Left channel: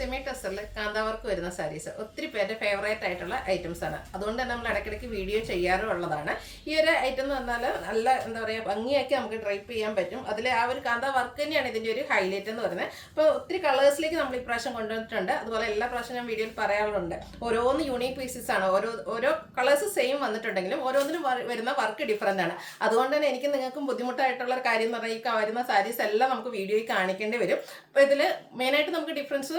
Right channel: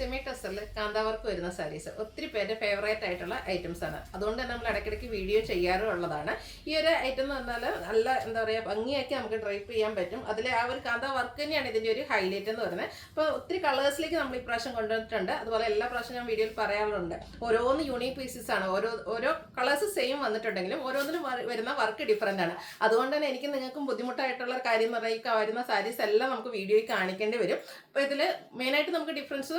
Semi ടെസ്റ്ററിൽ kantha work വരുന്ന സാരീസ് ഒത്തിരി പേരുടെ ഫേവറേറ്റ് ആയിട്ടുള്ള ഐറ്റംസ് ആണ്. അതുകൊണ്ട് തന്നെ നമ്മൾ ഇടയ്ക്കിടയ്ക്ക് വീഡിയോ ചെയ്യാറുള്ളതാണ്. ഈ ഒരു ഐറ്റം എന്ന് പറഞ്ഞാൽ നല്ല എന്താ പറയുക ഭംഗിയാക്കി നമുക്ക് ഡ്രൈപ്പ് ചെയ്യാൻ പറ്റും. അതിൽ ആ ഒരു കാന്താ വർക്ക് തന്നെയാണ് ഇതിൻ്റെ ഒരു ഹൈലൈറ്റ് എന്ന് പറയുന്നത്. അപ്പോൾ ഒത്തിരി കളേഴ്സിലേക്ക് നമ്മൾ ഇപ്രാവശ്യം കൊണ്ടുവന്നിട്ടുണ്ട്. അതുപോലെ എല്ലാ പ്രാവശ്യം ഞാൻ വീഡിയോയിൽ പറയാറുണ്ട്, ഓരോന്ന് യൂണീക്ക് പീസസ് ആണ്. ഓരോ കളേഴ്സ് സെയിം വന്നിട്ടുണ്ടെങ്കിലും ഓരോന്നിനും വരുന്ന വർക്ക് ഡിഫറൻ്റ് ആണ്. അതുകൊണ്ട് തന്നെ എനിക്ക് നിങ്ങൾക്കും ബുദ്ധിമുട്ടായിട്ടുള്ള ഒരു കാര്യം എന്ന് പറഞ്ഞാൽ ഈ വരുന്ന സാരീസ് എല്ലാം നമുക്ക് വീഡിയോയിൽ കാണിക്കേണ്ടി വരും. അപ്പോൾ ഇതിൽ മെയിനായിട്ട് നമുക്ക് ഡിഫറൻസ്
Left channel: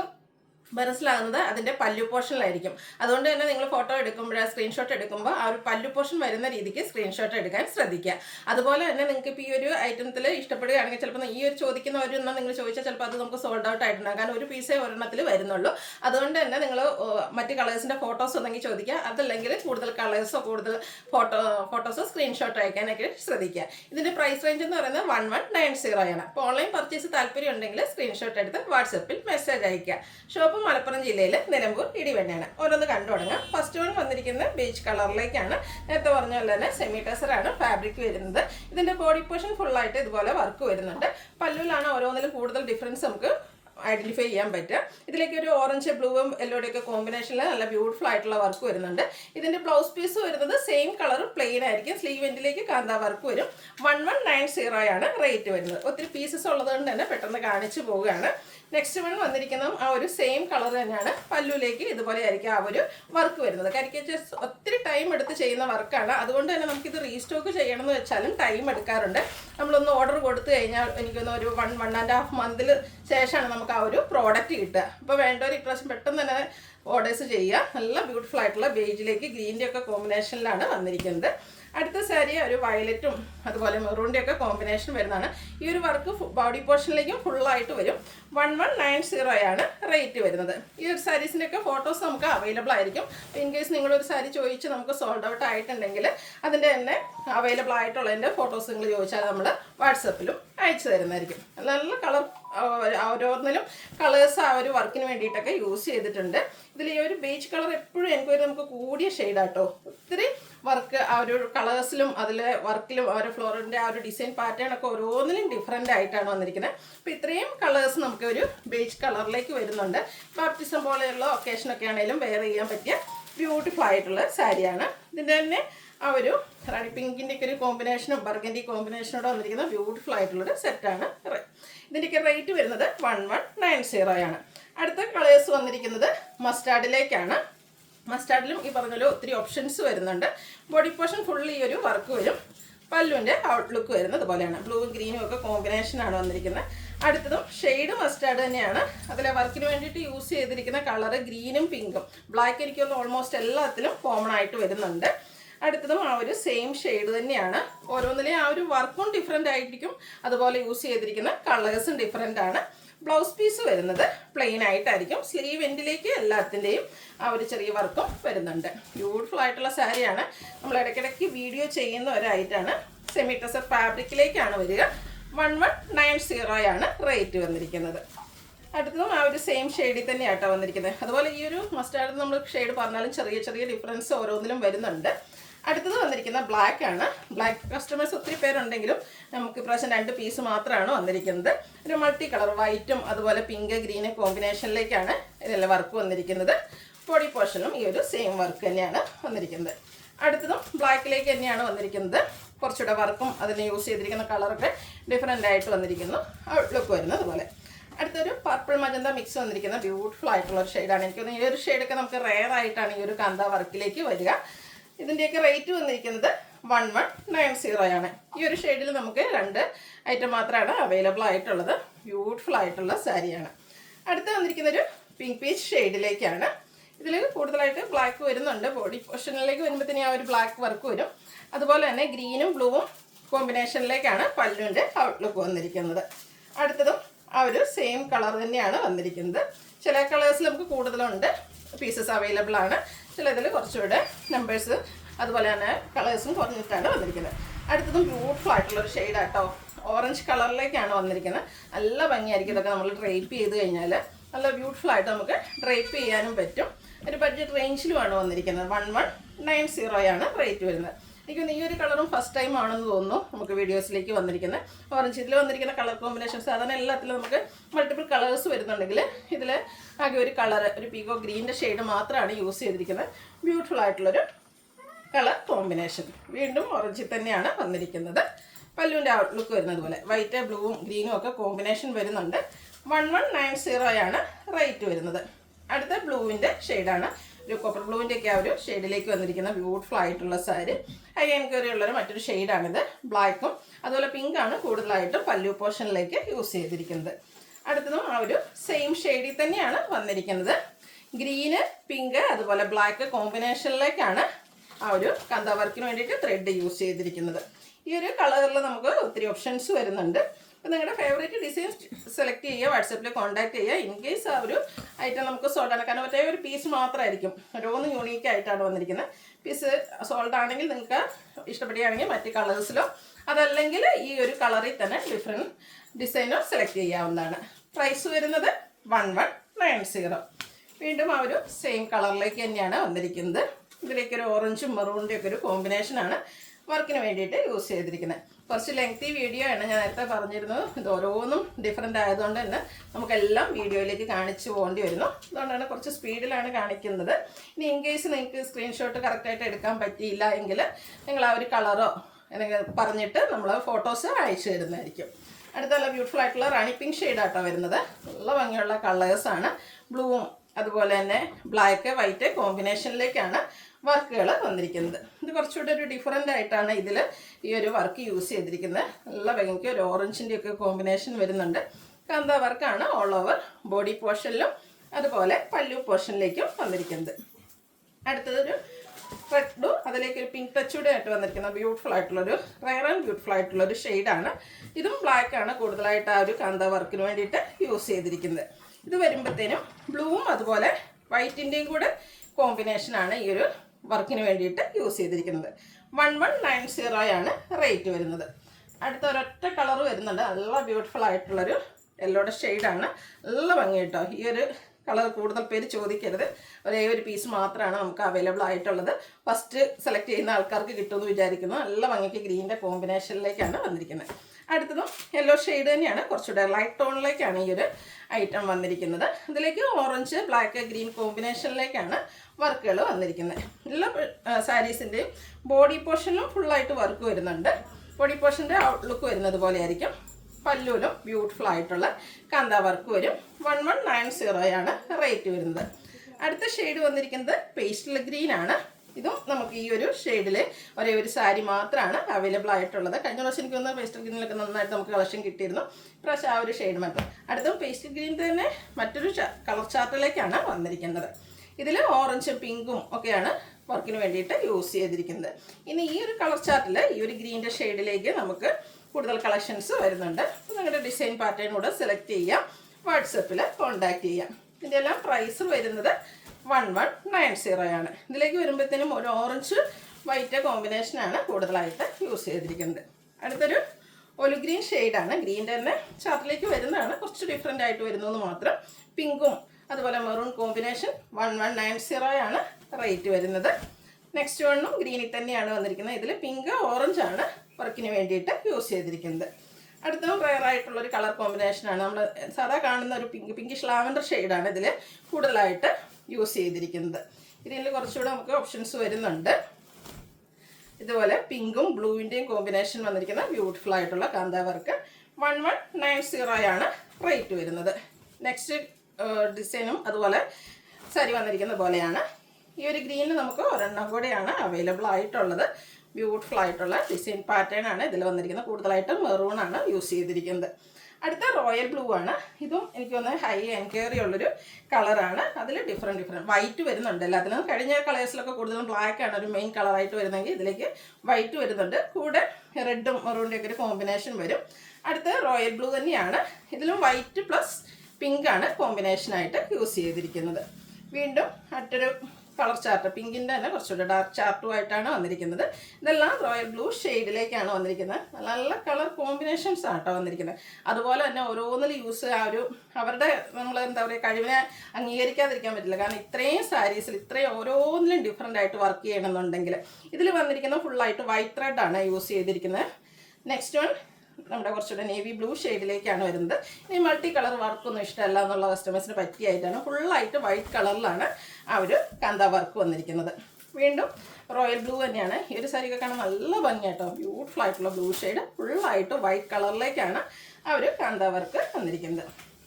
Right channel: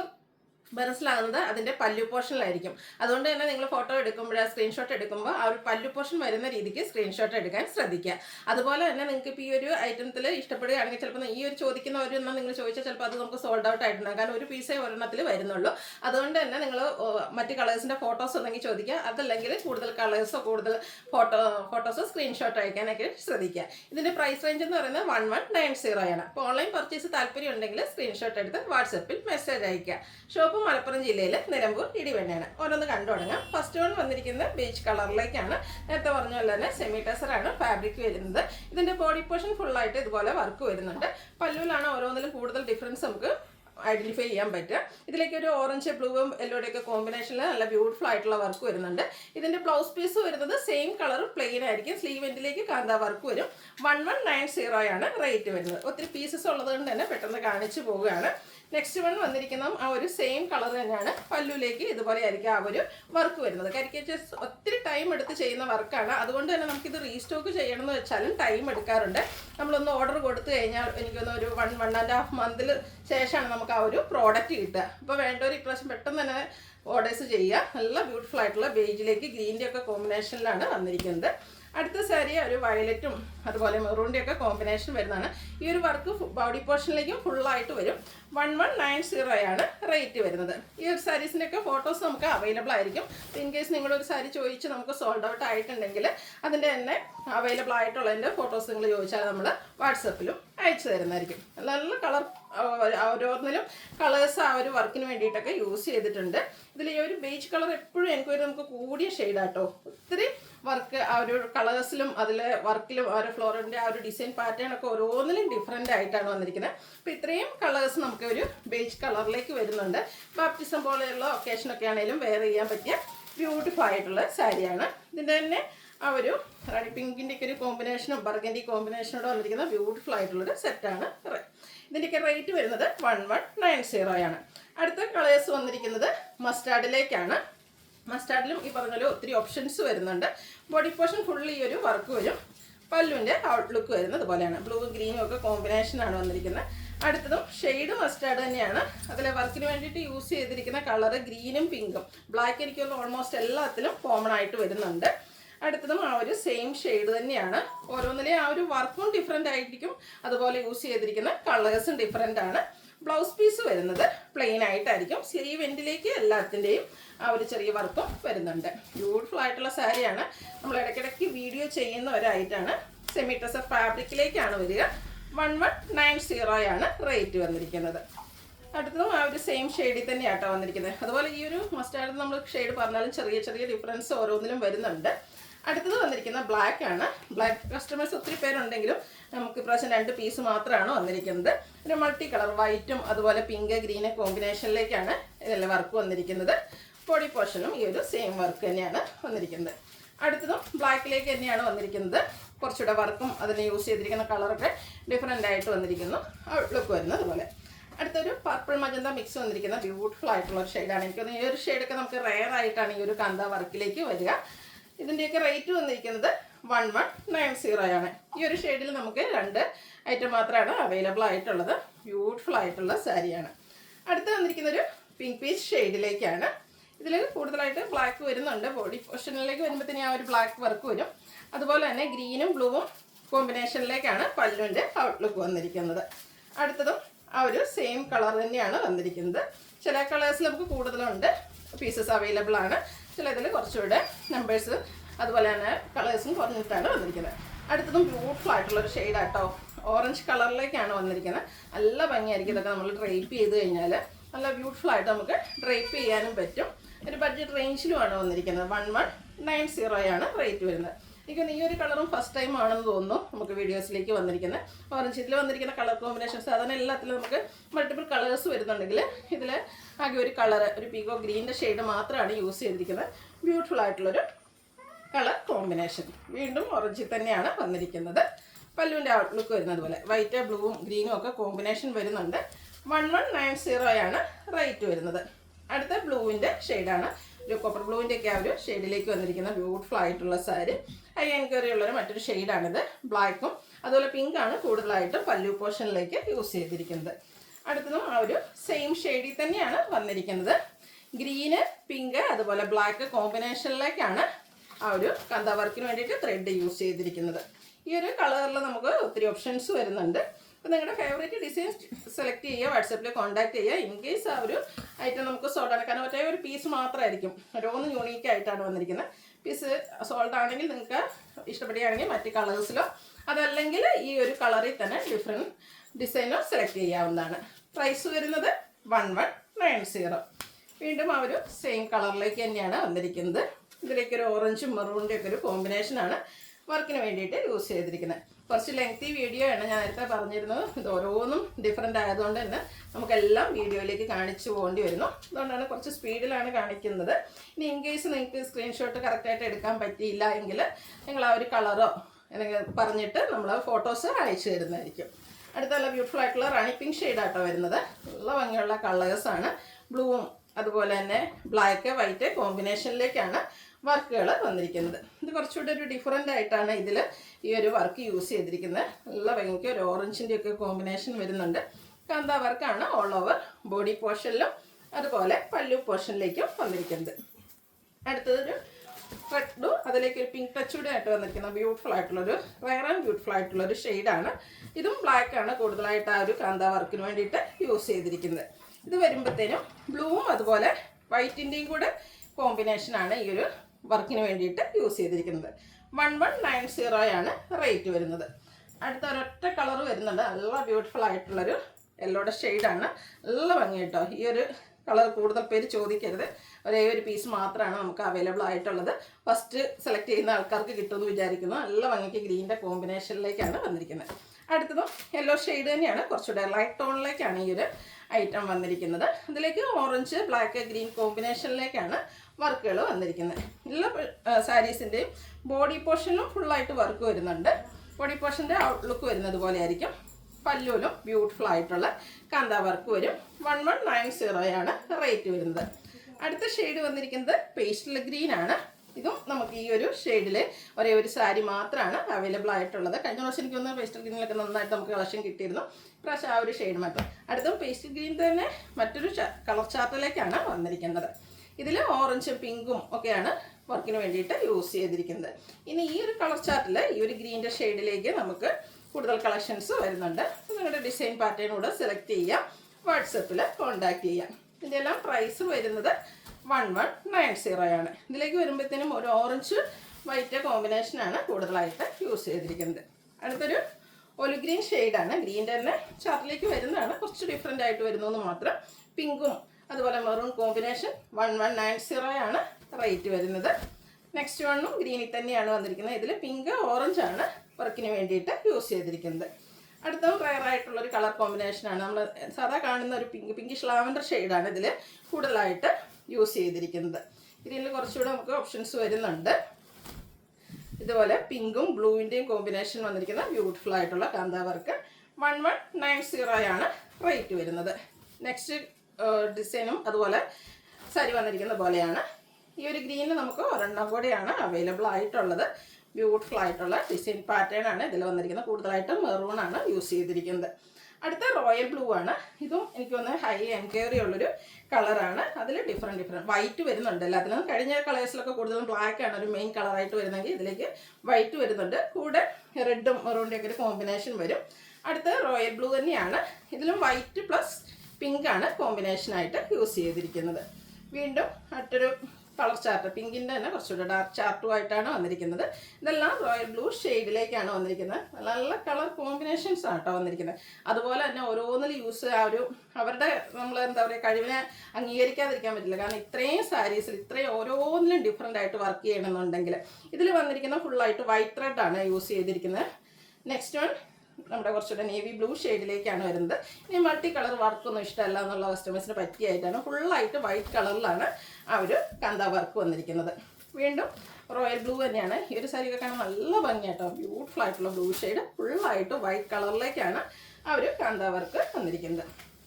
മനസ്സിലാകുന്നത് അതിൻ്റെ പല്ലു പോർഷനിലായിരിക്കും. അതുകൊണ്ട് തന്നെ നിങ്ങൾ ഫോട്ടോ എടുക്കുമ്പോൾ സ്ക്രീൻഷോട്ട് എടുക്കുമ്പോൾ ആ ഒരു പല്ലു പോർഷൻ വരുന്ന രീതിക്ക് സ്ക്രീൻഷോട്ട് എടുക്കാൻ ശ്രദ്ധിക്കുക. അതുപോലെ തന്നെ നിങ്ങൾക്ക് ഇപ്പോൾ ഈ ഒരു ഐറ്റത്തിൽ ഇഷ്ടപ്പെടുകയാണെങ്കിൽ ചിലപ്പോൾ ഈ ഒരു ചോദിക്കുന്ന ഒരെണ്ണം നിങ്ങൾ ചോദിച്ചാൽ ചിലപ്പോൾ അത് നമുക്ക് സോൾഡ് ഔട്ട് ആയിട്ടുണ്ടാകും. കാരണം ഒരു പീസേ ഒരെണ്ണത്തിൽ വരുന്നുള്ളൂ. അതുകൊണ്ട് തന്നെ നിങ്ങൾ മറ്റ് കളേഴ്സിൻ്റെ ഫോട്ടോസ് ഉണ്ടെങ്കിൽ ചോദിക്കുക. അതല്ലെങ്കിൽ കൂടുതൽ കളേഴ്സോ കൂടുതൽ ഫോട്ടോസോ സ്ക്രീൻഷോട്ട് അയക്കാനൊക്കെ ശ്രദ്ധിക്കുക. ഇതിൻ്റെ പ്രൈസ് റേഞ്ച് എന്ന് പറയുന്നത് 1190 ആണ്. അപ്പോൾ ഓൺലൈൻ പർച്ചേസ് താല്പര്യം ഉണ്ടെങ്കിൽ സ്ക്രീൻഷോട്ട് എടുത്ത് വാട്സപ്പിൽ മെസ്സേജ് അയക്കുക. ഷോപ്പ് മലപ്പുറം ജില്ലയിൽ നിലമ്പൂർ ഇടിവണ്ണയാണ്. ഓരോന്ന് കണ്ടു തുടങ്ങാം. ഫസ്റ്റ് വൺ വന്നിരിക്കുന്നത് ബീച്ച് കളറിലേക്കാണ്. നേരത്തെ പറഞ്ഞ പോലെ തന്നെ സെമി ടെസറാണ് ഫാബ്രിക് വരുന്നത്. ഇതിൻ്റെ ബോഡി പോർഷൻ ഫുള്ളായിട്ട് ഇതുപോലെ വർക്ക് വരുന്നുണ്ട്. പല്ലുവിലാണ് ഓരോന്നിലും കൂടുതൽ ഡിഫറൻസ് നമുക്ക് ഐഡൻറ്റിഫൈ ചെയ്യാൻ പറ്റുക. ഇതിലേക്ക് ഒരു ഓറഞ്ച് ബ്ലൂവും യെല്ലോയുടെയൊക്കെ കോമ്പിനേഷനിൽ നല്ല ബ്യൂട്ടിഫുൾ ആയിട്ടുള്ള വർക്ക് വരുന്നുണ്ട്. ഇതിൻ്റെ ബ്ലൗസ് പീസ് വരുന്നത് സെയിം കളർ പ്ലെയിൻ ആയിരിക്കും. സ്ലീവ് എൻഡിലേക്ക് കാന്താ വർക്ക് വരും. 1190 ആണ് റേറ്റ് വരുന്നത്. ഒത്തിരി പീസസ് ഉള്ളതുകൊണ്ട് തന്നെ പെട്ടെന്ന് കാണിച്ചു പോവുകയാണ്. നെക്സ്റ്റ് വൺ വന്നിരിക്കുന്നതും ആ ഒരു സെയിം കളർ തന്നെയാണ്. പല്ലുവിലേക്ക് ഇതുപോലെ ആയിരിക്കും ആ ഒരു വർക്ക് വരുന്നത്. കരിക്കേച്ചേഴ്സ് ഒത്തിരി ടൈം എടുത്ത് ചെയ്യുന്ന വർക്കാണ്. അതുകൊണ്ട് തന്നെ നമുക്കിത് റീസ്റ്റോക്ക് ചെയ്യണമെന്ന് വെച്ചാലും ടൈം എടുക്കാറുണ്ട്. നമ്മളൊന്ന് ഓർഡർ കൊടുത്തു കഴിഞ്ഞാൽ എനിക്കൊന്ന് ഒരു 1.5 മന്തിൽ ശേഷമാണ് നമുക്ക് ആ ഒരു പ്രോഡക്റ്റ് കിട്ടുക. അപ്പോൾ വേണ്ടവർ ഇപ്രാവശ്യം പെട്ടെന്ന് തന്നെ ഓർഡേഴ്സ് ചെയ്യുക. നല്ല ബ്യൂട്ടിഫുൾ ആയിട്ടുള്ള ബേജിലേക്ക് ഗ്രീൻ്റെ ഒക്കെ കോമ്പിനേഷനിലാണ് വന്നിരിക്കുന്നത്. അടുത്ത സാരി ഒരു വയലറ്റും അതുപോലെ മെറൂണിൻ്റെ ഒക്കെ കോമ്പിനേഷൻ വരുന്നതാണ്. ഈ ഒരു വർക്ക് ബോഡി പോർഷനിലേക്കും ഫുള്ളായിട്ട് വരും. 1190 ആണ് റേറ്റ് വരുന്നത്. ഈ ഒരു സാരീസിൻ്റെയൊക്കെ ഫോട്ടോസ് നമുക്ക് അവൈലബിൾ ആയിരിക്കും. ഇൻ കേസ് നിങ്ങളൊരു സാരി ചോദിച്ച് നമുക്ക് സോൾഡ് ഔട്ട് ആയിട്ടുണ്ടെങ്കിൽ അതിൻ്റെ തന്നെ അവൈലബിൾ ആയിട്ടുള്ളതിൻ്റെ ഫോട്ടോസ് നിങ്ങൾ ചോദിച്ചാൽ നമ്മൾ വാട്സപ്പിലും അയച്ചു തരുന്നതായിരിക്കും. നല്ല കളർ ഓരോന്നിലും കളേഴ്സ് ആ ഒരു വർക്കിന് വേണ്ടിയിട്ടൊക്കെ യൂസ് ചെയ്തിട്ടുണ്ട്. ഇതിൽ ഈ ഒരു ബീച്ച് കളർ എപ്പോഴും എനിക്കൊരു നമുക്ക് കൂടിയ ഷെയ്ഡാട്ടോ. ഒത്തിരി വർക്ക് ആ ഒരു കളേഴ്സിലും അതിൽ വർക്കിലും ഓരോ ഫ്ലോറിൻ്റെ ആ ഒരു ഡിസൈൻ പാറ്റേൺ ഒക്കെ ഓരോന്നിലും ഡിഫറെൻ്റ് ആയിട്ടാണ് വന്നിരിക്കുന്നത്. അപ്പോൾ ഇത്രയും കളേഴ്സ് നമുക്ക് ഒരു ബേജ് കളറിലേക്ക് വരുന്നുണ്ട്. ബാപ്റ്റിസം പോലെയുള്ള ഒക്കേഷനൊക്കെ ആണെങ്കിലും വെയർ ചെയ്യാൻ പറ്റിയ ബ്യൂട്ടിഫുൾ ആയിട്ടുള്ള സാരിയാണ്. ഇതിൻ്റെ തന്നെ ആ ഒരു റാണി പിങ്കിൻ്റെ ഒക്കെ ഒരു കോമ്പിനേഷനും ബർഗൻഡി കോമ്പിനേഷനോടെ വന്നിരിക്കുന്ന ബ്യൂട്ടിഫുൾ ആയിട്ടുള്ളൊരു സെറ്റാണ്. ഇതിൻ്റെയൊക്കെ റേറ്റ് വരുന്നത് 1190 ആണ്. അടുത്ത കളേഴ്സ് വന്നിരിക്കുന്നത് മസ്റ്റാർഡിലേക്കാണ്. മസ്റ്റാർഡിലും ഈ പറഞ്ഞ ഒത്തിരി ഓപ്ഷൻസ് വരുന്നുണ്ട്. ബോഡി പോർഷൻ ഫുള്ള് ഈ ഒരു വർക്ക് വരും. പല്ലുവിൻ്റെ ഔട്ട്ലുക്ക് വരുന്നത് പോലെയാണ്. ബ്ലൂ ഗ്രീനും ഒക്കെ കോമ്പിനേഷനാണ് വന്നിരിക്കുന്നത്. അടുത്തതും ഷെയ്ഡ് മസ്റ്റാർഡ് തന്നെയാണ്. അതിലെ വർക്കിന് വേണ്ടിയിട്ട് യൂസ് ചെയ്തിരിക്കുന്ന കളറ് ഗ്രീനും പിങ്കും ബ്ലാക്ക് എനിക്കുള്ള ഓൾമോസ്റ്റ് എല്ലാത്തിലും കോമൺ ആയിട്ട് വരുന്നുണ്ട്. അടുത്തതും ആ ഒരു സെയിം ഷെയ്ഡ് തന്നെയാണ്. ഓരോന്നിലെ ആ ഒരു വർക്കും ഡിഫറെൻ്റ് ആയിരിക്കും. അതുപോലെ യൂസ് ചെയ്തിരിക്കുന്ന കളേഴ്സും ഡിഫറെൻ്റ് ആണ്. ബ്ലൗസ് പീസ് വരുന്നത് പ്ലെയിൻ ആയിട്ടായിരിക്കും. സ്ലീവ് എൻഡിലേക്ക് എല്ലാത്തിൻ്റെയും ആ ഒരു ചെറിയ വർക്കും വരുന്നുണ്ട്. ബ്യൂട്ടിഫുൾ ആയിട്ടുള്ള സാരിയാണ്. നമ്മൾ ഇടയ്ക്കിടയ്ക്ക് വീഡിയോ ചെയ്യുന്ന ഒരായിട്ടാണ്. സെമി ടെസർ ഫാബ്രിക്കിലേക്കാണ് വരിക. 1190 ആണ് റേറ്റ് വന്നിരിക്കുന്നത്. അടുത്തതും ആ ഒരു സെയിം ഷെയ്ഡിൽ തന്നെയാട്ടോ വന്നിരിക്കുന്നത്. അതുപോലെ ഈ ഒരു മസ്റ്റാർഡ് നമ്മൾ ഷെയ്ഡ് പറഞ്ഞാലും ചെറിയ ചെറിയ ഡിഫറൻസ് ഓരോന്നിലും വരുന്നുണ്ട്. അടുത്തത് വന്നിരിക്കുന്ന ബ്ലാക്ക് ആണ്. ബ്ലാക്ക് കസ്റ്റമേഴ്സ് ഒത്തിരി പേരുണ്ടെങ്കിലും നമുക്ക് ഇപ്രാവശ്യം 2 പീസ് മാത്രമാണ് വന്നിരിക്കുന്നത്. ഒരു മൾട്ടി കളർ വൈറ്റും അതുപോലെ പിങ്ക് ഗ്രീന് കോമ്പിനേഷനിലേക്കാണ് ഇതെല്ലാം വർക്ക് വന്നിരിക്കുന്നത്. ബോഡി പോർഷനും ഈ ഒരു സെയിം വർക്ക് തന്നെയാണ് വന്നിരിക്കുന്നത്. അടുത്തതും ബ്ലാക്കിലേക്ക് തന്നെയാണ് വന്നിരിക്കുന്നത്. കുറച്ചുകൂടെ വർക്കും അതിന് യൂസ് ചെയ്തിരിക്കുന്ന കളറൊക്കെ ഡിഫറെൻ്റ് ആയിട്ട് വന്നിരിക്കുന്നു. ഔട്ട്ലുക്ക് വരുന്നത് അതുപോലെ. അടുത്തൊരു പർപ്പിൾ മജന്ത മിക്സ് വന്നിരിക്കുന്ന ബ്യൂട്ടിഫുൾ ആയിട്ടുള്ള ഒരു ഷെയ്ഡാണ്. എനിക്കൊന്ന് ഈ ഒരു ഷെയ്ഡൊക്കെ നമുക്ക് റെയർ ആയിട്ടാണ് ഈ ഒരു കാന്താ വർക്കിലേക്ക് വരിക. ഇതിൻ്റെയൊക്കെ റേറ്റ് വന്നിരിക്കുന്നത് 1190 ആണ്. ഈ ഒരു ഷെയ്ഡിൽ നമുക്ക് 2 ഐറ്റം മാത്രമാണ് അവൈലബിൾ ആയിട്ടുള്ളത്. ബ്യൂട്ടിഫുൾ ആയിട്ടുള്ള സാരിയാണ്. അടുത്ത് വന്നിരിക്കുന്നൊരു പിങ്ക് പീച്ച് ഷെയ്ഡിലേക്കാണ്. ഇതിൽ കൂടുതലായിട്ട് ബ്ലാക്ക് വരുന്നുണ്ട്. ബോഡി പോർഷനിലേക്ക് വരുമ്പോഴത്തേനും ആ ഒരു ബ്ലാക്ക് വർക്ക് വരും. അതുപോലെ തന്നെ ഗ്രീനും ബ്ലൂവും കോമ്പിനേഷനിലേക്കാണ് പല്ലുവിൻ്റെ ഔട്ട്ലുക്ക് വന്നിരിക്കുന്നത്. അടുത്തതും ആ ഒരു സെയിം കളർ തന്നെയാണ് വന്നിരിക്കുന്നത്. ചില കളേഴ്സിൽ നമുക്ക് കൂടുതലുണ്ട് പീസസ് അവൈലബിൾ ആണ്. ചിലതിൽ കുറച്ചുകൂടെ നമ്പേഴ്സ് അതുപോലെ തന്നെ കളേഴ്സും കുറഞ്ഞിട്ടാണ് വന്നിരിക്കുന്നത്. അടുത്തതും ബ്യൂട്ടിഫുൾ ആയിട്ടുള്ളൊരു ഷെയ്ഡാട്ടോ. ഓറഞ്ച് കളറിലേക്കാണ് വന്നിരിക്കുന്നത്. നല്ല ഭംഗിയായിരിക്കും ഇതൊക്കെ നമ്മൾ ഡ്രൈപ്പ് ചെയ്ത് കഴിഞ്ഞാൽ. നല്ല ബ്യൂട്ടിഫുൾ ആയിട്ട് നമുക്ക് ഡ്രൈപ്പ് ചെയ്യാനും പറ്റും. ഒരു ബഡ്ജറ്റ് റേഞ്ചിലുമാണ് വന്നിരിക്കുന്നത്. 1190 ആണ് റേറ്റ് വരുന്നത്. എനിക്ക് ഈ ഒരു കളറും ഫസ്റ്റ് ടൈം ആണെന്ന് തോന്നുന്നു നമുക്ക് വീഡിയോസിലേക്ക് വന്നിരിക്കുന്നത്. ഓറഞ്ച് ഇതിൽ വന്നിരിക്കുന്ന കളർ കോമ്പിനേഷൻ സാധാരണ എല്ലാത്തിലും നമുക്ക് മൾട്ടിപ്പിൾ കളേഴ്സ് വരുന്നുണ്ടെങ്കിൽ ഇതിൽ ആകെ ഒരു കളർ, ഒരു പീകോ ഗ്രീനിൻ്റെ ഷെയ്ഡ് മാത്രമാണ് യൂസ് ചെയ്തിരിക്കുന്നത്. ബ്യൂട്ടിഫുൾ ആയിട്ടുള്ളൊരു കളർ കോമ്പിനേഷൻ. വീണ്ടും ഓറഞ്ചിൽ തന്നെയാണ് വന്നിരിക്കുന്നത്. പല്ലുവിൻ്റെ ഔട്ട്ലുക്ക് വരുന്നത് പോലെ വൈറ്റ്, ബ്ലൂവും ഗ്രീനും ഒക്കെ കോമ്പിനേഷൻ വരുന്നുണ്ട്. 1190 റേറ്റ് വരുന്നത്. അടുത്ത ബ്ലൂവിൻ്റെ ഷെയ്ഡാണ്. ഒരു കോപ്പർ ബ്ലൂവിൻ്റെ ഒക്കെ ആ ഒരു ഷെയ്ഡിലേക്ക് വന്നിരിക്കുന്ന ബ്യൂട്ടിഫുൾ ആയിട്ടുള്ള സാരി. ഹൈ എൻക്വയറി ഉള്ളൊരു മറ്റൊരു ഷെയ്ഡാണിത്. ബ്ലാക്കും അതുപോലെ പിങ്കാണ് കൂടുതലായിട്ടും പല്ലു പോർഷനിലേക്ക് യൂസ് ചെയ്തിരിക്കുന്നത്. അടുത്തതും ആ ഒരു സെയിം ഷെയ്ഡിൽ തന്നെയാണ് വന്നിരിക്കുന്നത്. ഗ്രീന്, പിങ്ക് അതുപോലെ ബ്ലാക്ക് കോമ്പിനേഷനിലേക്കാണ് ആ ഒരു കന്ത വർക്കിന് വേണ്ടിയിട്ട് ത്രെഡ് യൂസ് ചെയ്തിരിക്കുന്നത്. ഈ ഒരു കളറിൽ നമുക്ക് ഒത്തിരി ഓപ്ഷൻസ് വരുന്നുണ്ട്. അപ്പോൾ നിങ്ങളുടെ ഫേവറേറ്റ് ഡിസൈൻ സെലക്ട് ചെയ്യുക, വാട്സപ്പിൽ കോൺടാക്ട് ചെയ്യുക. ഇൻ കേസ് ആ ഒരു ഐറ്റം നമുക്ക് സോൾഡ് ആണ്, കാരണം ഒറ്റ ഒരു പീസ് മാത്രമായിരിക്കും, ഓരോന്ന് യൂണീക്ക് ആയിട്ടാണ് വന്നിരിക്കുന്നത്. പീസ് സോൾഡ് ആണെങ്കിൽ നിങ്ങൾക്ക് ഇഷ്ടപ്പെടുകയാണെങ്കിൽ മറ്റ് കളേഴ്സിലോ അതല്ലെങ്കിൽ ഈ ഒരു കളറിൽ തന്നെ ഡിഫറെൻറ്റ് ഡിസൈനോ സെലക്ട് ചെയ്യാവുന്നതാണ്. പ്രൈസ് വരുന്നത് 1190. വീണ്ടും ആ ഒരു സെയിം കളറിലേക്ക് തന്നെയാണ് വന്നിരിക്കുന്നത്. ഇതിലേക്ക് ഒരു ഓറഞ്ചും മെറൂണിൻ്റെ ഒക്കെ ഒരു കോമ്പിനേഷനാണ് വർക്കിന് വേണ്ടിയിട്ട് യൂസ് ചെയ്തിരിക്കുന്നത്. കുറച്ച് ലെങ്തി വീഡിയോ ആണ്, ഞാൻ നേരത്തെ പറഞ്ഞിരുന്നത്. ഇത് ഓരോന്നും ഡിഫറെൻ്റ് ആയതുകൊണ്ട് തന്നെ നമുക്കെല്ലാം വീഡിയോയിലേക്ക് കാണിച്ചു പോകേണ്ടി വരുന്നു. അതുകൊണ്ടാണ് കുറച്ച് സ്പീഡിലാണ് കാണിക്കുന്നത്. ഇനി ഇൻ കേസ് നിങ്ങൾക്ക് സ്ക്രീൻഷോട്ട് കറക്റ്റായിട്ട് എടുക്കാൻ പറ്റിയില്ല എങ്കിൽ നിങ്ങൾ ആ ഒരു കളറോ അല്ലെങ്കിൽ പറഞ്ഞിട്ട് നമ്മൾ ഫോട്ടോസ് അയച്ചു തരുന്നതായിരിക്കും. അടുത്ത നല്ല ബ്യൂട്ടിഫുൾ ആയിട്ടുള്ള റാണി പിങ്ക് ഷെയ്ഡാട്ടോ വരുന്നത്. നല്ല ഭംഗിയുള്ള കളേഴ്സാണ്. ബ്ലൂവും അതുപോലെ തന്നെ ബ്ലാക്ക്, വൈറ്റ് കോമ്പിനേഷനിലേക്കാണ് വർക്കുകൾ വന്നിരിക്കുന്നത്. ഇത് കുറച്ചുകൂടെ ഒരു ഡിഫറെൻ്റ് ആയിട്ടാണ് ഇതിൽ ഈ ഒരു വർക്ക് യൂസ് ചെയ്തിരിക്കുന്നത്. നല്ല ഭംഗിക്ക് ഒരു ഓറഞ്ചിൻ്റെ ഒക്കെ കോമ്പിനേഷൻ വരുന്നുണ്ട്. കാന്ത വർക്കാണ് ഓൾ ഓവർ ബോഡി പോർഷനിലും അതുപോലെ പല്ലു പോർഷനിലേക്കും വന്നിരിക്കുന്നത്. അടുത്തതൊരു റെഡ് ബ്ലൂ, അതിലേക്ക് ഒരു പിങ്ക് ടച്ചൂടെ ആയിട്ട് വന്നിരിക്കുന്ന ബ്യൂട്ടിഫുൾ ആയിട്ടുള്ളൊരു റയർ ആൻഡ് ബ്യൂട്ടിഫുൾ ആയിട്ടുള്ളൊരു ഷെയ്ഡാണ്. ഇതും ബ്ലാക്കാണ് കൂടുതലായിട്ട് ആ ഒരു കാന്ത വർക്കിന് വേണ്ടിയിട്ട് യൂസ് ചെയ്തിരിക്കുന്നത്. ഇത് വരുമ്പോഴത്തേനും ബ്ലൂവും അതുപോലെ വൈറ്റിൻ്റെയും കൂടെ കോമ്പിനേഷനാണ് ഈ ഒരു വർക്കിന് വേണ്ടിയിട്ട് യൂസ് ചെയ്തിരിക്കുന്നത്. 1190 റേറ്റ് വരുന്നത്. അടുത്ത ഒരൊറ്റ കളർ വരുന്നുണ്ട്. നല്ല ബ്യൂട്ടിഫുൾ ആയിട്ടുള്ളൊരു യെല്ലോയുടെ ഷെയ്ഡാണ്. നല്ല ഭംഗി കേട്ടോ. ഈ ഒരു കളർ കൂടുതൽ പേര് ചോദിക്കരുത്, ഒരേ ഒരു പീസ് മാത്രമാണ് നമുക്ക് അവൈലബിൾ ആയിട്ടുള്ളത്. ഫസ്റ്റ് സെലക്ട് ചെയ്യുന്ന ആൾക്കാർക്ക് കിട്ടുമെന്ന് വിചാരിക്കുന്നു. നല്ല ഭംഗിക്ക് ഗ്രീനിൻ്റെ കോമ്പിനേഷനിലേക്കാണ് വന്നിരിക്കുന്നത്. അടുത്തതും യെല്ലോ ഷെയ്ഡ് തന്നെയാണ്, കുറച്ചുകൂടെ ലൈറ്റ് ടോണിലേക്കാണ് ഈ ഒരു ഐറ്റം വന്നിരിക്കുന്നത്. ഇതിലേക്ക് ഓറഞ്ച്, ബ്ലാക്ക്, ഗ്രീൻ കോമ്പിനേഷനിലേക്കാണ് വർക്കുകൾ വന്നിരിക്കുന്നത്. എല്ലാ സാരീസിൻ്റെയും ബോഡി പോർഷനിലും ഫുള്ളായിട്ട് വർക്ക് വരുന്നുണ്ട്. ബോഡി പോർഷൻ്റെ ഔട്ട്ലുക്ക് വരുന്നത് പോലെ ആയിരിക്കും. പല്ലുവിലും ബ്യൂട്ടിഫുൾ ആയിട്ടുള്ള കാന്ത വർക്ക് വരും. 1190 റേറ്റ് വരുന്നത്. അടുത്ത ഷെയ്ഡ് വന്നിരിക്കുന്നത് പേസ്റ്റൽ ഗ്രീൻ ആണ്. ഇതും നമുക്ക് ഈ ഒരു ഷെയ്ഡിൽ ഒരേ ഒരു സാരി മാത്രമാണ് അവൈലബിൾ ആയിട്ടുള്ളത്. കഴിഞ്ഞ പ്രാവശ്യം എനിക്ക് വന്ന പേസ്റ്റൽ ഗ്രീനിലൊക്കെ നന്നായിട്ട് നമുക്ക് കളക്ഷൻ കിട്ടിയിരുന്നു. ഇപ്രാവശ്യം ആ ഒരു ഷെയ്ഡ് മാത്രം. അടുത്തും പേസ്റ്റൽ ഗ്രീൻ തന്നെ മറ്റൊരു കളർ ചാർട്ടിലേക്കാണ് വന്നിരിക്കുന്നത്. ഇതിൽ ഓറഞ്ചും പിങ്കും ഒക്കെയാണ് വർക്കിന് വേണ്ടിയിട്ട് യൂസ് ചെയ്തിരിക്കുന്നത്. ഇനി ഈ ഒരു കളർ ചാർട്ടിൽ ഈ ഒരു ഗ്രീനിൻ്റെ ഷെയ്ഡിലേക്ക് നമുക്ക് കൂടുതൽ കളക്ഷൻസ് വരുന്നുണ്ട്. നിങ്ങളുടെ ഡിസൈൻ പാറ്റേൺ കൂടെ സെലക്ട് ചെയ്യാം, വാട്സപ്പിൽ കോൺടാക്ട് ചെയ്യാം. ഇതിൻ്റെ എല്ലാം പ്രൈസ് വരുന്നത് 1190 ഇതിലേക്ക് വരുമ്പോഴത്തേനും ഒരു ഓറഞ്ച് വൈറ്റ് കോമ്പിനേഷനാണ് കൂടുതലായിട്ട് യൂസ് ചെയ്തിരിക്കുന്നത്. അടുത്തൊരു ഒലി ഗ്രീൻ ഷെയ്ഡാണ്. ഗ്രീൻ്റെ തന്നെ ചാർട്ടിലേക്ക് വരുന്നതാണ്, കുറച്ച് ഡിഫറെൻ്റ് ആയിട്ട് വരുന്നതെന്ന് മാത്രം. പിങ്കും അതുപോലെ മെറൂൺ കോമ്പിനേഷൻ 1190 റേറ്റ് വരുന്നത്. നെക്സ്റ്റ് വണ്ണും ഗ്രീനിൽ തന്നെയാണ് വന്നിരിക്കുന്നത്. ഇതിൽ പിങ്ക്, ഓറഞ്ചാണ് വർക്കിന് വേണ്ടിയിട്ട് യൂസ് ചെയ്തിരിക്കുന്നത്. അടുത്തതും റയർ ആയിട്ടുള്ളൊരു കളർ കോമ്പിനേഷനാണ്. നമ്മൾ സാധാ കാണുന്ന ഒരു പിങ്കിഷ് ലാവൻഡർ ഷെയ്ഡാണ് ഇതിൽ കൂടുതലായിട്ട് യൂസ് ചെയ്തിരിക്കുന്നത്. ഇതിൽ കുറച്ചുകൂടെ നമുക്ക് ഓപ്ഷൻസ് വരുന്നുണ്ട്. ഇതുപോലെ പിങ്കും ബ്ലൂവിൻ്റെയും കോമ്പിനേഷൻ വന്നിരിക്കുന്ന ബ്യൂട്ടിഫുൾ ആയിട്ടുള്ള കാന്ത വർക്ക് 1190 റേറ്റ് വരുന്നത്. നെക്സ്റ്റ് ഡിസൈനും അതുപോലെ സാരി വന്നിരിക്കുന്ന പോലെയാണ്. ഈ ഒരു ഗ്രീനിൽ നമുക്ക് ഒരെണ്ണം കൂടെയാണ് അവൈലബിൾ ആയിട്ടുള്ളത്. ബ്യൂട്ടിഫുൾ ആയിട്ടുള്ള ഡിസൈൻ പാറ്റേൺ ആണ് ഇതിൽ വന്നിരിക്കുന്നത്. കൂടുതലായിട്ടും മെറൂണാണ് യൂസ് ചെയ്തിരിക്കുന്നത്. അടുത്ത റോയൽ ബ്ലൂ ആണ്. ഇതും എനിക്ക് തോന്നുന്നത് ഹൈ എൻക്വയറി ഉള്ളൊരു കളറാണ്. അതിൽ ഡിഫറെൻറ്റ് വൈറ്റ് വരുന്നുണ്ട് എല്ലാത്തിലും. കഴിഞ്ഞ കളേഴ്സിലൊക്കെ കൂടുതലും ബ്ലാക്ക് ആണ് ഒരു മെയിൻ കളറായിട്ട് വരുന്നെങ്കിൽ ഇതിലേക്ക് വൈറ്റ് വരുന്നുണ്ട്. കൂടെ റെഡും മെറൂണിൻ്റെ ഒക്കെ ഒരു കോമ്പിനേഷൻ വരും. അടുത്ത റോയൽ ബ്ലൂ തന്നെയാണ്. ഇതിലും വൈറ്റ് പ്ലസ് പിങ്ക് ആണ് കോമ്പിനേഷനായിട്ട് യൂസ് ചെയ്തിരിക്കുന്നത്. വീണ്ടും മറ്റൊരു കളർ ചാർട്ട് പിങ്കിൻ്റെ തന്നെ കുറച്ചുകൂടെ ഡാർക്ക് ചാർട്ടുമായിട്ടാണ് വന്നിരിക്കുന്നത്. ഇതെല്ലാം റോയൽ ബ്ലൂ ഷെയ്ഡിലേക്കാണ് വന്നിരിക്കുന്നത്. നല്ല കളർ കോമ്പിനേഷൻസ് ആട്ടോ വന്നിരിക്കുന്നത്. അതുപോലെ തന്നെ ഓരോന്നിൽ യൂസ് ആ ഒരു അവരുടെ നമ്മൾ എന്താ പറയുക കഴിവിനെ അംഗീകരിക്കാതിരിക്കാൻ പറ്റില്ല. കാരണം ഇത്രയും സാരീസിൽ ഇത്രയും ഓരോന്നിനും ഡിഫറെൻ്റ് ആയിട്ട് വർക്ക് ചെയ്യണമെന്നുണ്ടെങ്കിൽ ഇതിൽ വന്നിരിക്കുന്ന ഫുള്ളായിട്ട് വൈറ്റ് ത്രെഡാണ് യൂസ് ചെയ്തിരിക്കുന്നത്. നെക്സ്റ്റ് വൺ നമ്മുടെ കുറച്ചുകൂടെ നേവി ബ്ലൂ ഷെയ്ഡിലേക്കാണ് വരുന്നത്. ഇനി മൾട്ടി കളർ വർക്കൊന്നും ഇഷ്ടമല്ല എന്നുള്ള കസ്റ്റമേഴ്സിന് പറ്റിയായിട്ടാണ് ഫുള്ളായിട്ട് വൈറ്റ് കളറിലാണ് ആ ഒരു കാന്ത വർക്ക് വന്നിരിക്കുന്നത്. വീണ്ടും റോയൽ ബ്ലൂ തന്നെയാണ്. ഈ ഒരു സാരിയൊക്കെ കാണാൻ നല്ല ഭംഗിയായിട്ടോ, ബ്യൂട്ടിഫുൾ ആയിട്ടുള്ള ബ്ലൂ ഷെയ്ഡ് ഫുള്ളായിട്ട് വൈറ്റ് കളറിലേക്കാണ് ആ ഒരു കാന്ത വർക്ക് വന്നിരിക്കുന്നത്.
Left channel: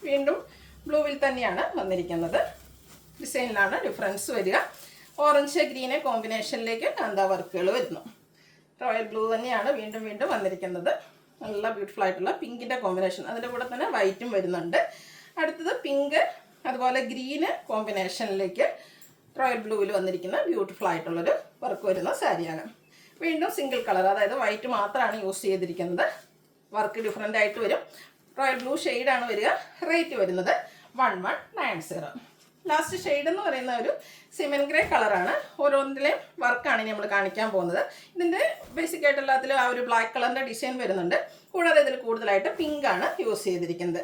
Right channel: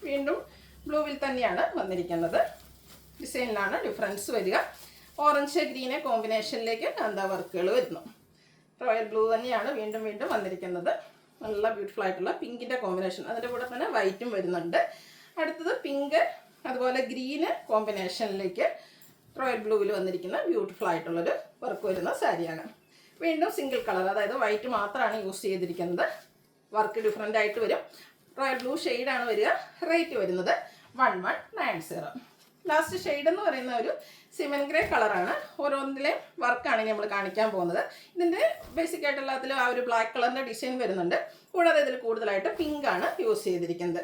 വീണ്ടും ബ്ലൂവിൽ തന്നെയാണ് വന്നിരിക്കുന്നത്. ഡിസൈനിലാണ് ഡിഫറൻസ് വരിക. ഓറഞ്ച് ഗ്രീന് കോമ്പിനേഷനിലേക്ക് കാന്ത വർക്കുകൾ വരുന്നു. റോയൽ ബ്ലൂ തന്നെയാണ് വീണ്ടും വീണ്ടും വന്നിരിക്കുന്നത്. നല്ല ബ്യൂട്ടിഫുൾ ആയിട്ടുള്ള പിങ്കിൻ്റെ കോമ്പിനേഷൻ, അതിൻ്റെ കൂടെ തന്നെ വൈറ്റും വരുന്നുണ്ട്. അടുത്തത് പിങ്ക് അതുപോലെ ഗ്രീന് കോമ്പിനേഷനിലേക്ക് റോയൽ ബ്ലൂവിൽ വന്നിരിക്കുന്ന ബ്യൂട്ടിഫുൾ ആയിട്ടുള്ളൊരു വർക്ക് വരുന്ന സാരിയാണ്. വീണ്ടും സിംഗിൾ കളർ, അതായത് വൈറ്റ് മാത്രമാണ് യൂസ് ചെയ്തിരിക്കുന്നത്. വർക്ക് ഡിഫറെൻ്റ് ആയിട്ട് വരും. റോയൽ ബ്ലൂ ഷെയ്ഡാണ് വരിക. റേറ്റ് വരുന്നത് 1190. ലാസ്റ്റ് ഷെയ്ഡ് എന്ന് പറയുന്ന ഒരു സിമൻ ഗ്രേ കളറാണ്. ഓരോന്നിലെയും വർക്കാണ് ഇനി നമ്മൾ കാണിക്കാൻ പോകുന്നത്. ഇതിൻ്റെ ബേസിക് ആയിട്ടുള്ള അതിൽ ആ ഒരു ബ്ലാക്ക് കളറിൻ്റെ ഡിസൈൻ വരുന്നുണ്ട്. കൂടാതെ ഇതിൽ കൂടുതലായിട്ട് പിങ്ക് ആണ് യൂസ് ചെയ്തിരിക്കുന്നത്.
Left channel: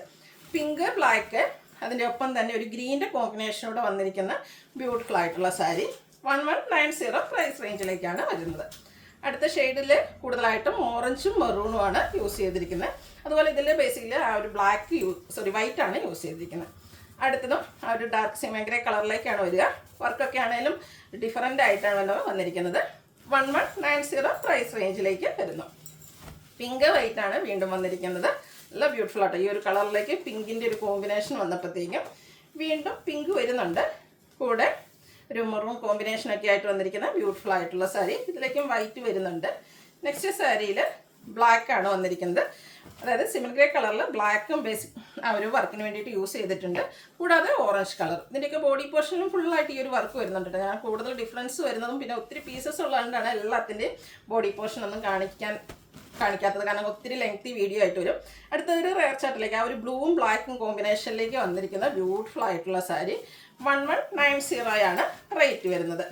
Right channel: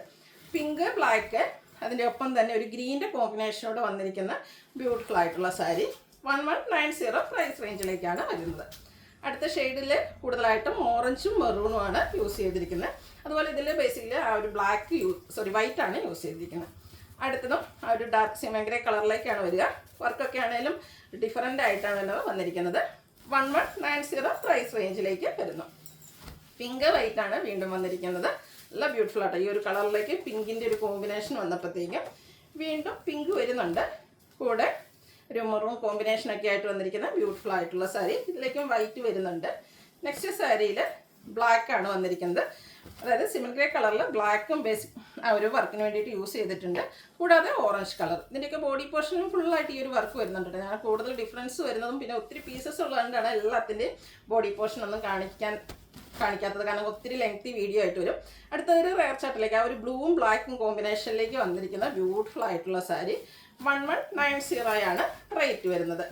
പിങ്ക്, ബ്ലാക്ക്, അതിൻ്റെ ഒപ്പം തന്നെ ഒരു ഗ്രീൻ്റെ കോമ്പിനേഷനോട് വന്നിരിക്കുന്ന ബ്യൂട്ടിഫുൾ ആയിട്ടുള്ള സാരി 1190 പ്രൈസ് റേഞ്ചിലേക്കാണ് വരുന്നത്. അടുത്ത ഷെയ്ഡിൽ കൂടുതലായിട്ടും ഓറഞ്ചും മെറൂണുമാണ് യൂസ് ചെയ്തിരിക്കുന്നത്. അതുപോലെ ഇതിൽ ബേസിക്കലി ആ ഒരു വൈറ്റ് ആണ് യൂസ് ചെയ്തിരിക്കുന്നത്. അടുത്തതും ആ ഒരു ഡാർക്ക് സിമൻ ഗ്രേ കളറിലേക്കാണ് വരിക. വർക്കൊക്കെ ആണെങ്കിലും ഡിഫറൻ്റ് ആയിട്ടാണ് വന്നിരിക്കുന്നത്. 1190 പ്രൈസ് റേഞ്ചിലേക്ക് വരുന്നു. പിങ്ക് വൈറ്റ് ആണ് വീണ്ടും വന്നിരിക്കുന്നത്. നല്ല ബ്യൂട്ടിഫുൾ ആട്ടോ. ഈ ഒരു കളറിലേക്ക് പിങ്കിൻ്റെ ഒരു കോമ്പിനേഷൻ വന്നപ്പോഴത്തേക്കും വീണ്ടും പിങ്ക് വരുന്നുണ്ട്. കൂടെ ഒരു മെറൂൺ കോമ്പിനേഷനൊക്കെ ആയിട്ട് വന്നിരിക്കുന്ന ബ്യൂട്ടിഫുൾ ആയിട്ടുള്ള സാരി. ഇതിലേക്കും വൈറ്റ് വരുന്നുണ്ട്. നെക്സ്റ്റ് സാരിയിൽ ബ്ലാക്ക് ആണ് വന്നിരിക്കുന്നത്. അതായത് സിമൻ ഗ്രേ കളറിൽ ബ്ലാക്കും ബേസിക് ആ ഒരു വർക്കിന് വേണ്ടിയിട്ട് യൂസ് ചെയ്തിട്ടുണ്ട്. കൂടാതെ ഓറഞ്ച് കളർ. ഇതിൻ്റെയൊക്കെ ബോഡി പോർഷനിലും ഫുള്ളായിട്ട് ഈ ഒരു വർക്ക് വരുന്നുണ്ട്. ഞാൻ കൂടുതൽ ഡിഫറൻസ് വരുന്നതും പിന്നെ ഒത്തിരി പീസസ് ഉള്ളതുകൊണ്ടാണ് എല്ലാത്തിൻ്റെയും ബോഡി പോർഷൻ ഒന്നും കാണിക്കാത്തത്. കാരണം ഒത്തിരി ലെങ്തി വീഡിയോ ആയിട്ട് വരും. അടുത്തൊരു റെയർ ചാർട്ടിലേക്ക് ആ ഒരു ബ്ലൂവും ബ്ലാക്കും കോമ്പിനേഷനിലേക്ക് വന്നിരിക്കുന്ന ബ്യൂട്ടിഫുൾ ആയിട്ടുള്ള സാരി 1190 ആണ് റേറ്റ് വരുന്നത്.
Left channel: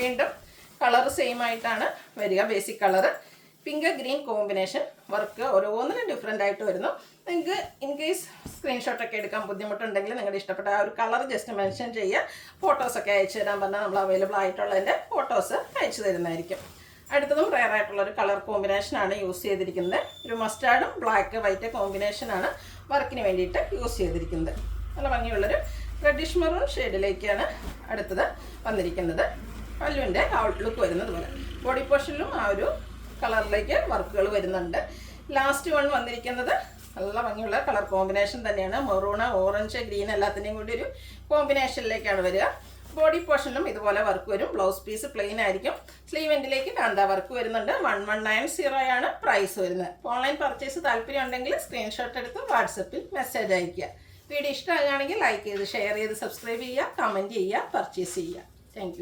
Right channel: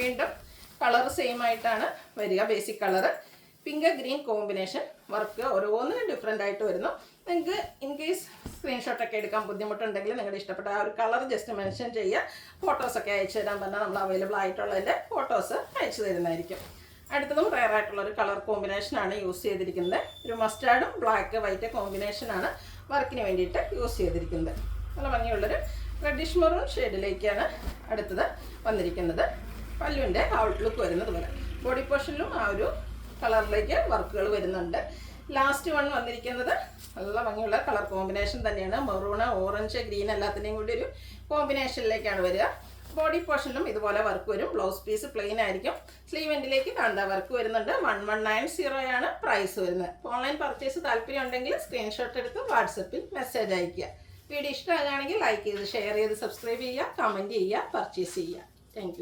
വീണ്ടും കളർ സെയിം ആയിട്ടാണ് വരിക. Basic colour pink green combination work ഓരോന്നിനും ഡിഫറെൻ്റ് ആയിട്ട് വരുന്നു. നിങ്ങൾക്ക് ഇൻ കേസ് സ്ക്രീൻഷോട്ടൊക്കെ എടുക്കാൻ ബുദ്ധിമുട്ടുണ്ടെങ്കിൽ നിങ്ങളുടെ ഇഷ്ടപ്പെട്ട ആ ഒരു കളർ ജസ്റ്റ് മെൻഷൻ ചെയ്യുക. ഫോട്ടോസൊക്കെ അയച്ചു തരാൻ പറഞ്ഞാൽ നമ്മൾ അവൈലബിൾ ആയിട്ടുള്ളതിൻ്റെ ഫോട്ടോസ് അയച്ചു തരുന്നതായിരിക്കും. അടുത്തതും റെയർ ആയിട്ടുള്ളൊരു കളർ കോമ്പിനേഷനാണ് യൂസ് ചെയ്തിരിക്കുന്നത്. ഒരു മസ്റ്റാർഡും ബ്ലാക്ക് വൈറ്റ് കോമ്പിനേഷനാണ് വർക്കിന് വേണ്ടിയിട്ട് യൂസ് ചെയ്തിരിക്കുന്നത്. നല്ല ഭംഗിയുള്ളൊരു റെഡിഷ് മെറൂൺ ഷെയ്ഡിലേക്കാണ് അടുത്തത് വന്നിരിക്കുന്നത്. പല്ലുവിൻ്റെ ഔട്ട്ലുക്ക് വരുന്നത് പോലെ ബോഡി പോർഷനിലും ആ ഒരു കളറിലേക്ക് വർക്കുകൾ വരുന്നുണ്ട്. ലാസ്റ്റ് വൺ വന്നിരിക്കുന്നത് നല്ല ഭംഗിയുള്ള കളർ കോമ്പിനേഷൻ തന്നെയാണ്. മെറൂണ്, ഓറഞ്ച്, ഗ്രീൻ എല്ലാത്തിൻ്റെയും കൂടി ഒരു കോമ്പിനേഷനിലേക്കാണ് വരിക. ബോഡി പോർഷനിലും ഇതുപോലെ വർക്ക് വരും. ബ്ലൗസ് പീസ് പ്ലെയിൻ ആയിരിക്കും. സ്ലീവ് എൻഡിലേക്ക് കാന്ത വർക്ക് വരുന്നുണ്ട്. 1190 ആണ് പ്രൈസ് വരുന്നത്. ഓൺലൈൻ പർച്ചേസ് താല്പര്യം ഉണ്ടെങ്കിൽ സ്ക്രീൻഷോട്ട് എടുത്ത് വാട്സപ്പിൽ മെസ്സേജ് അയയ്ക്കുക. വീഡിയോ ഇഷ്ടമാകുകയാണെങ്കിൽ ലൈക്ക് ചെയ്ത് ഷെയർ ചെയ്ത് സബ്സ്ക്രൈബ് ചെയ്യുക, കമൻറ്റ് ചെയ്യുക, പർച്ചേസ് ചെയ്യുക. താങ്ക്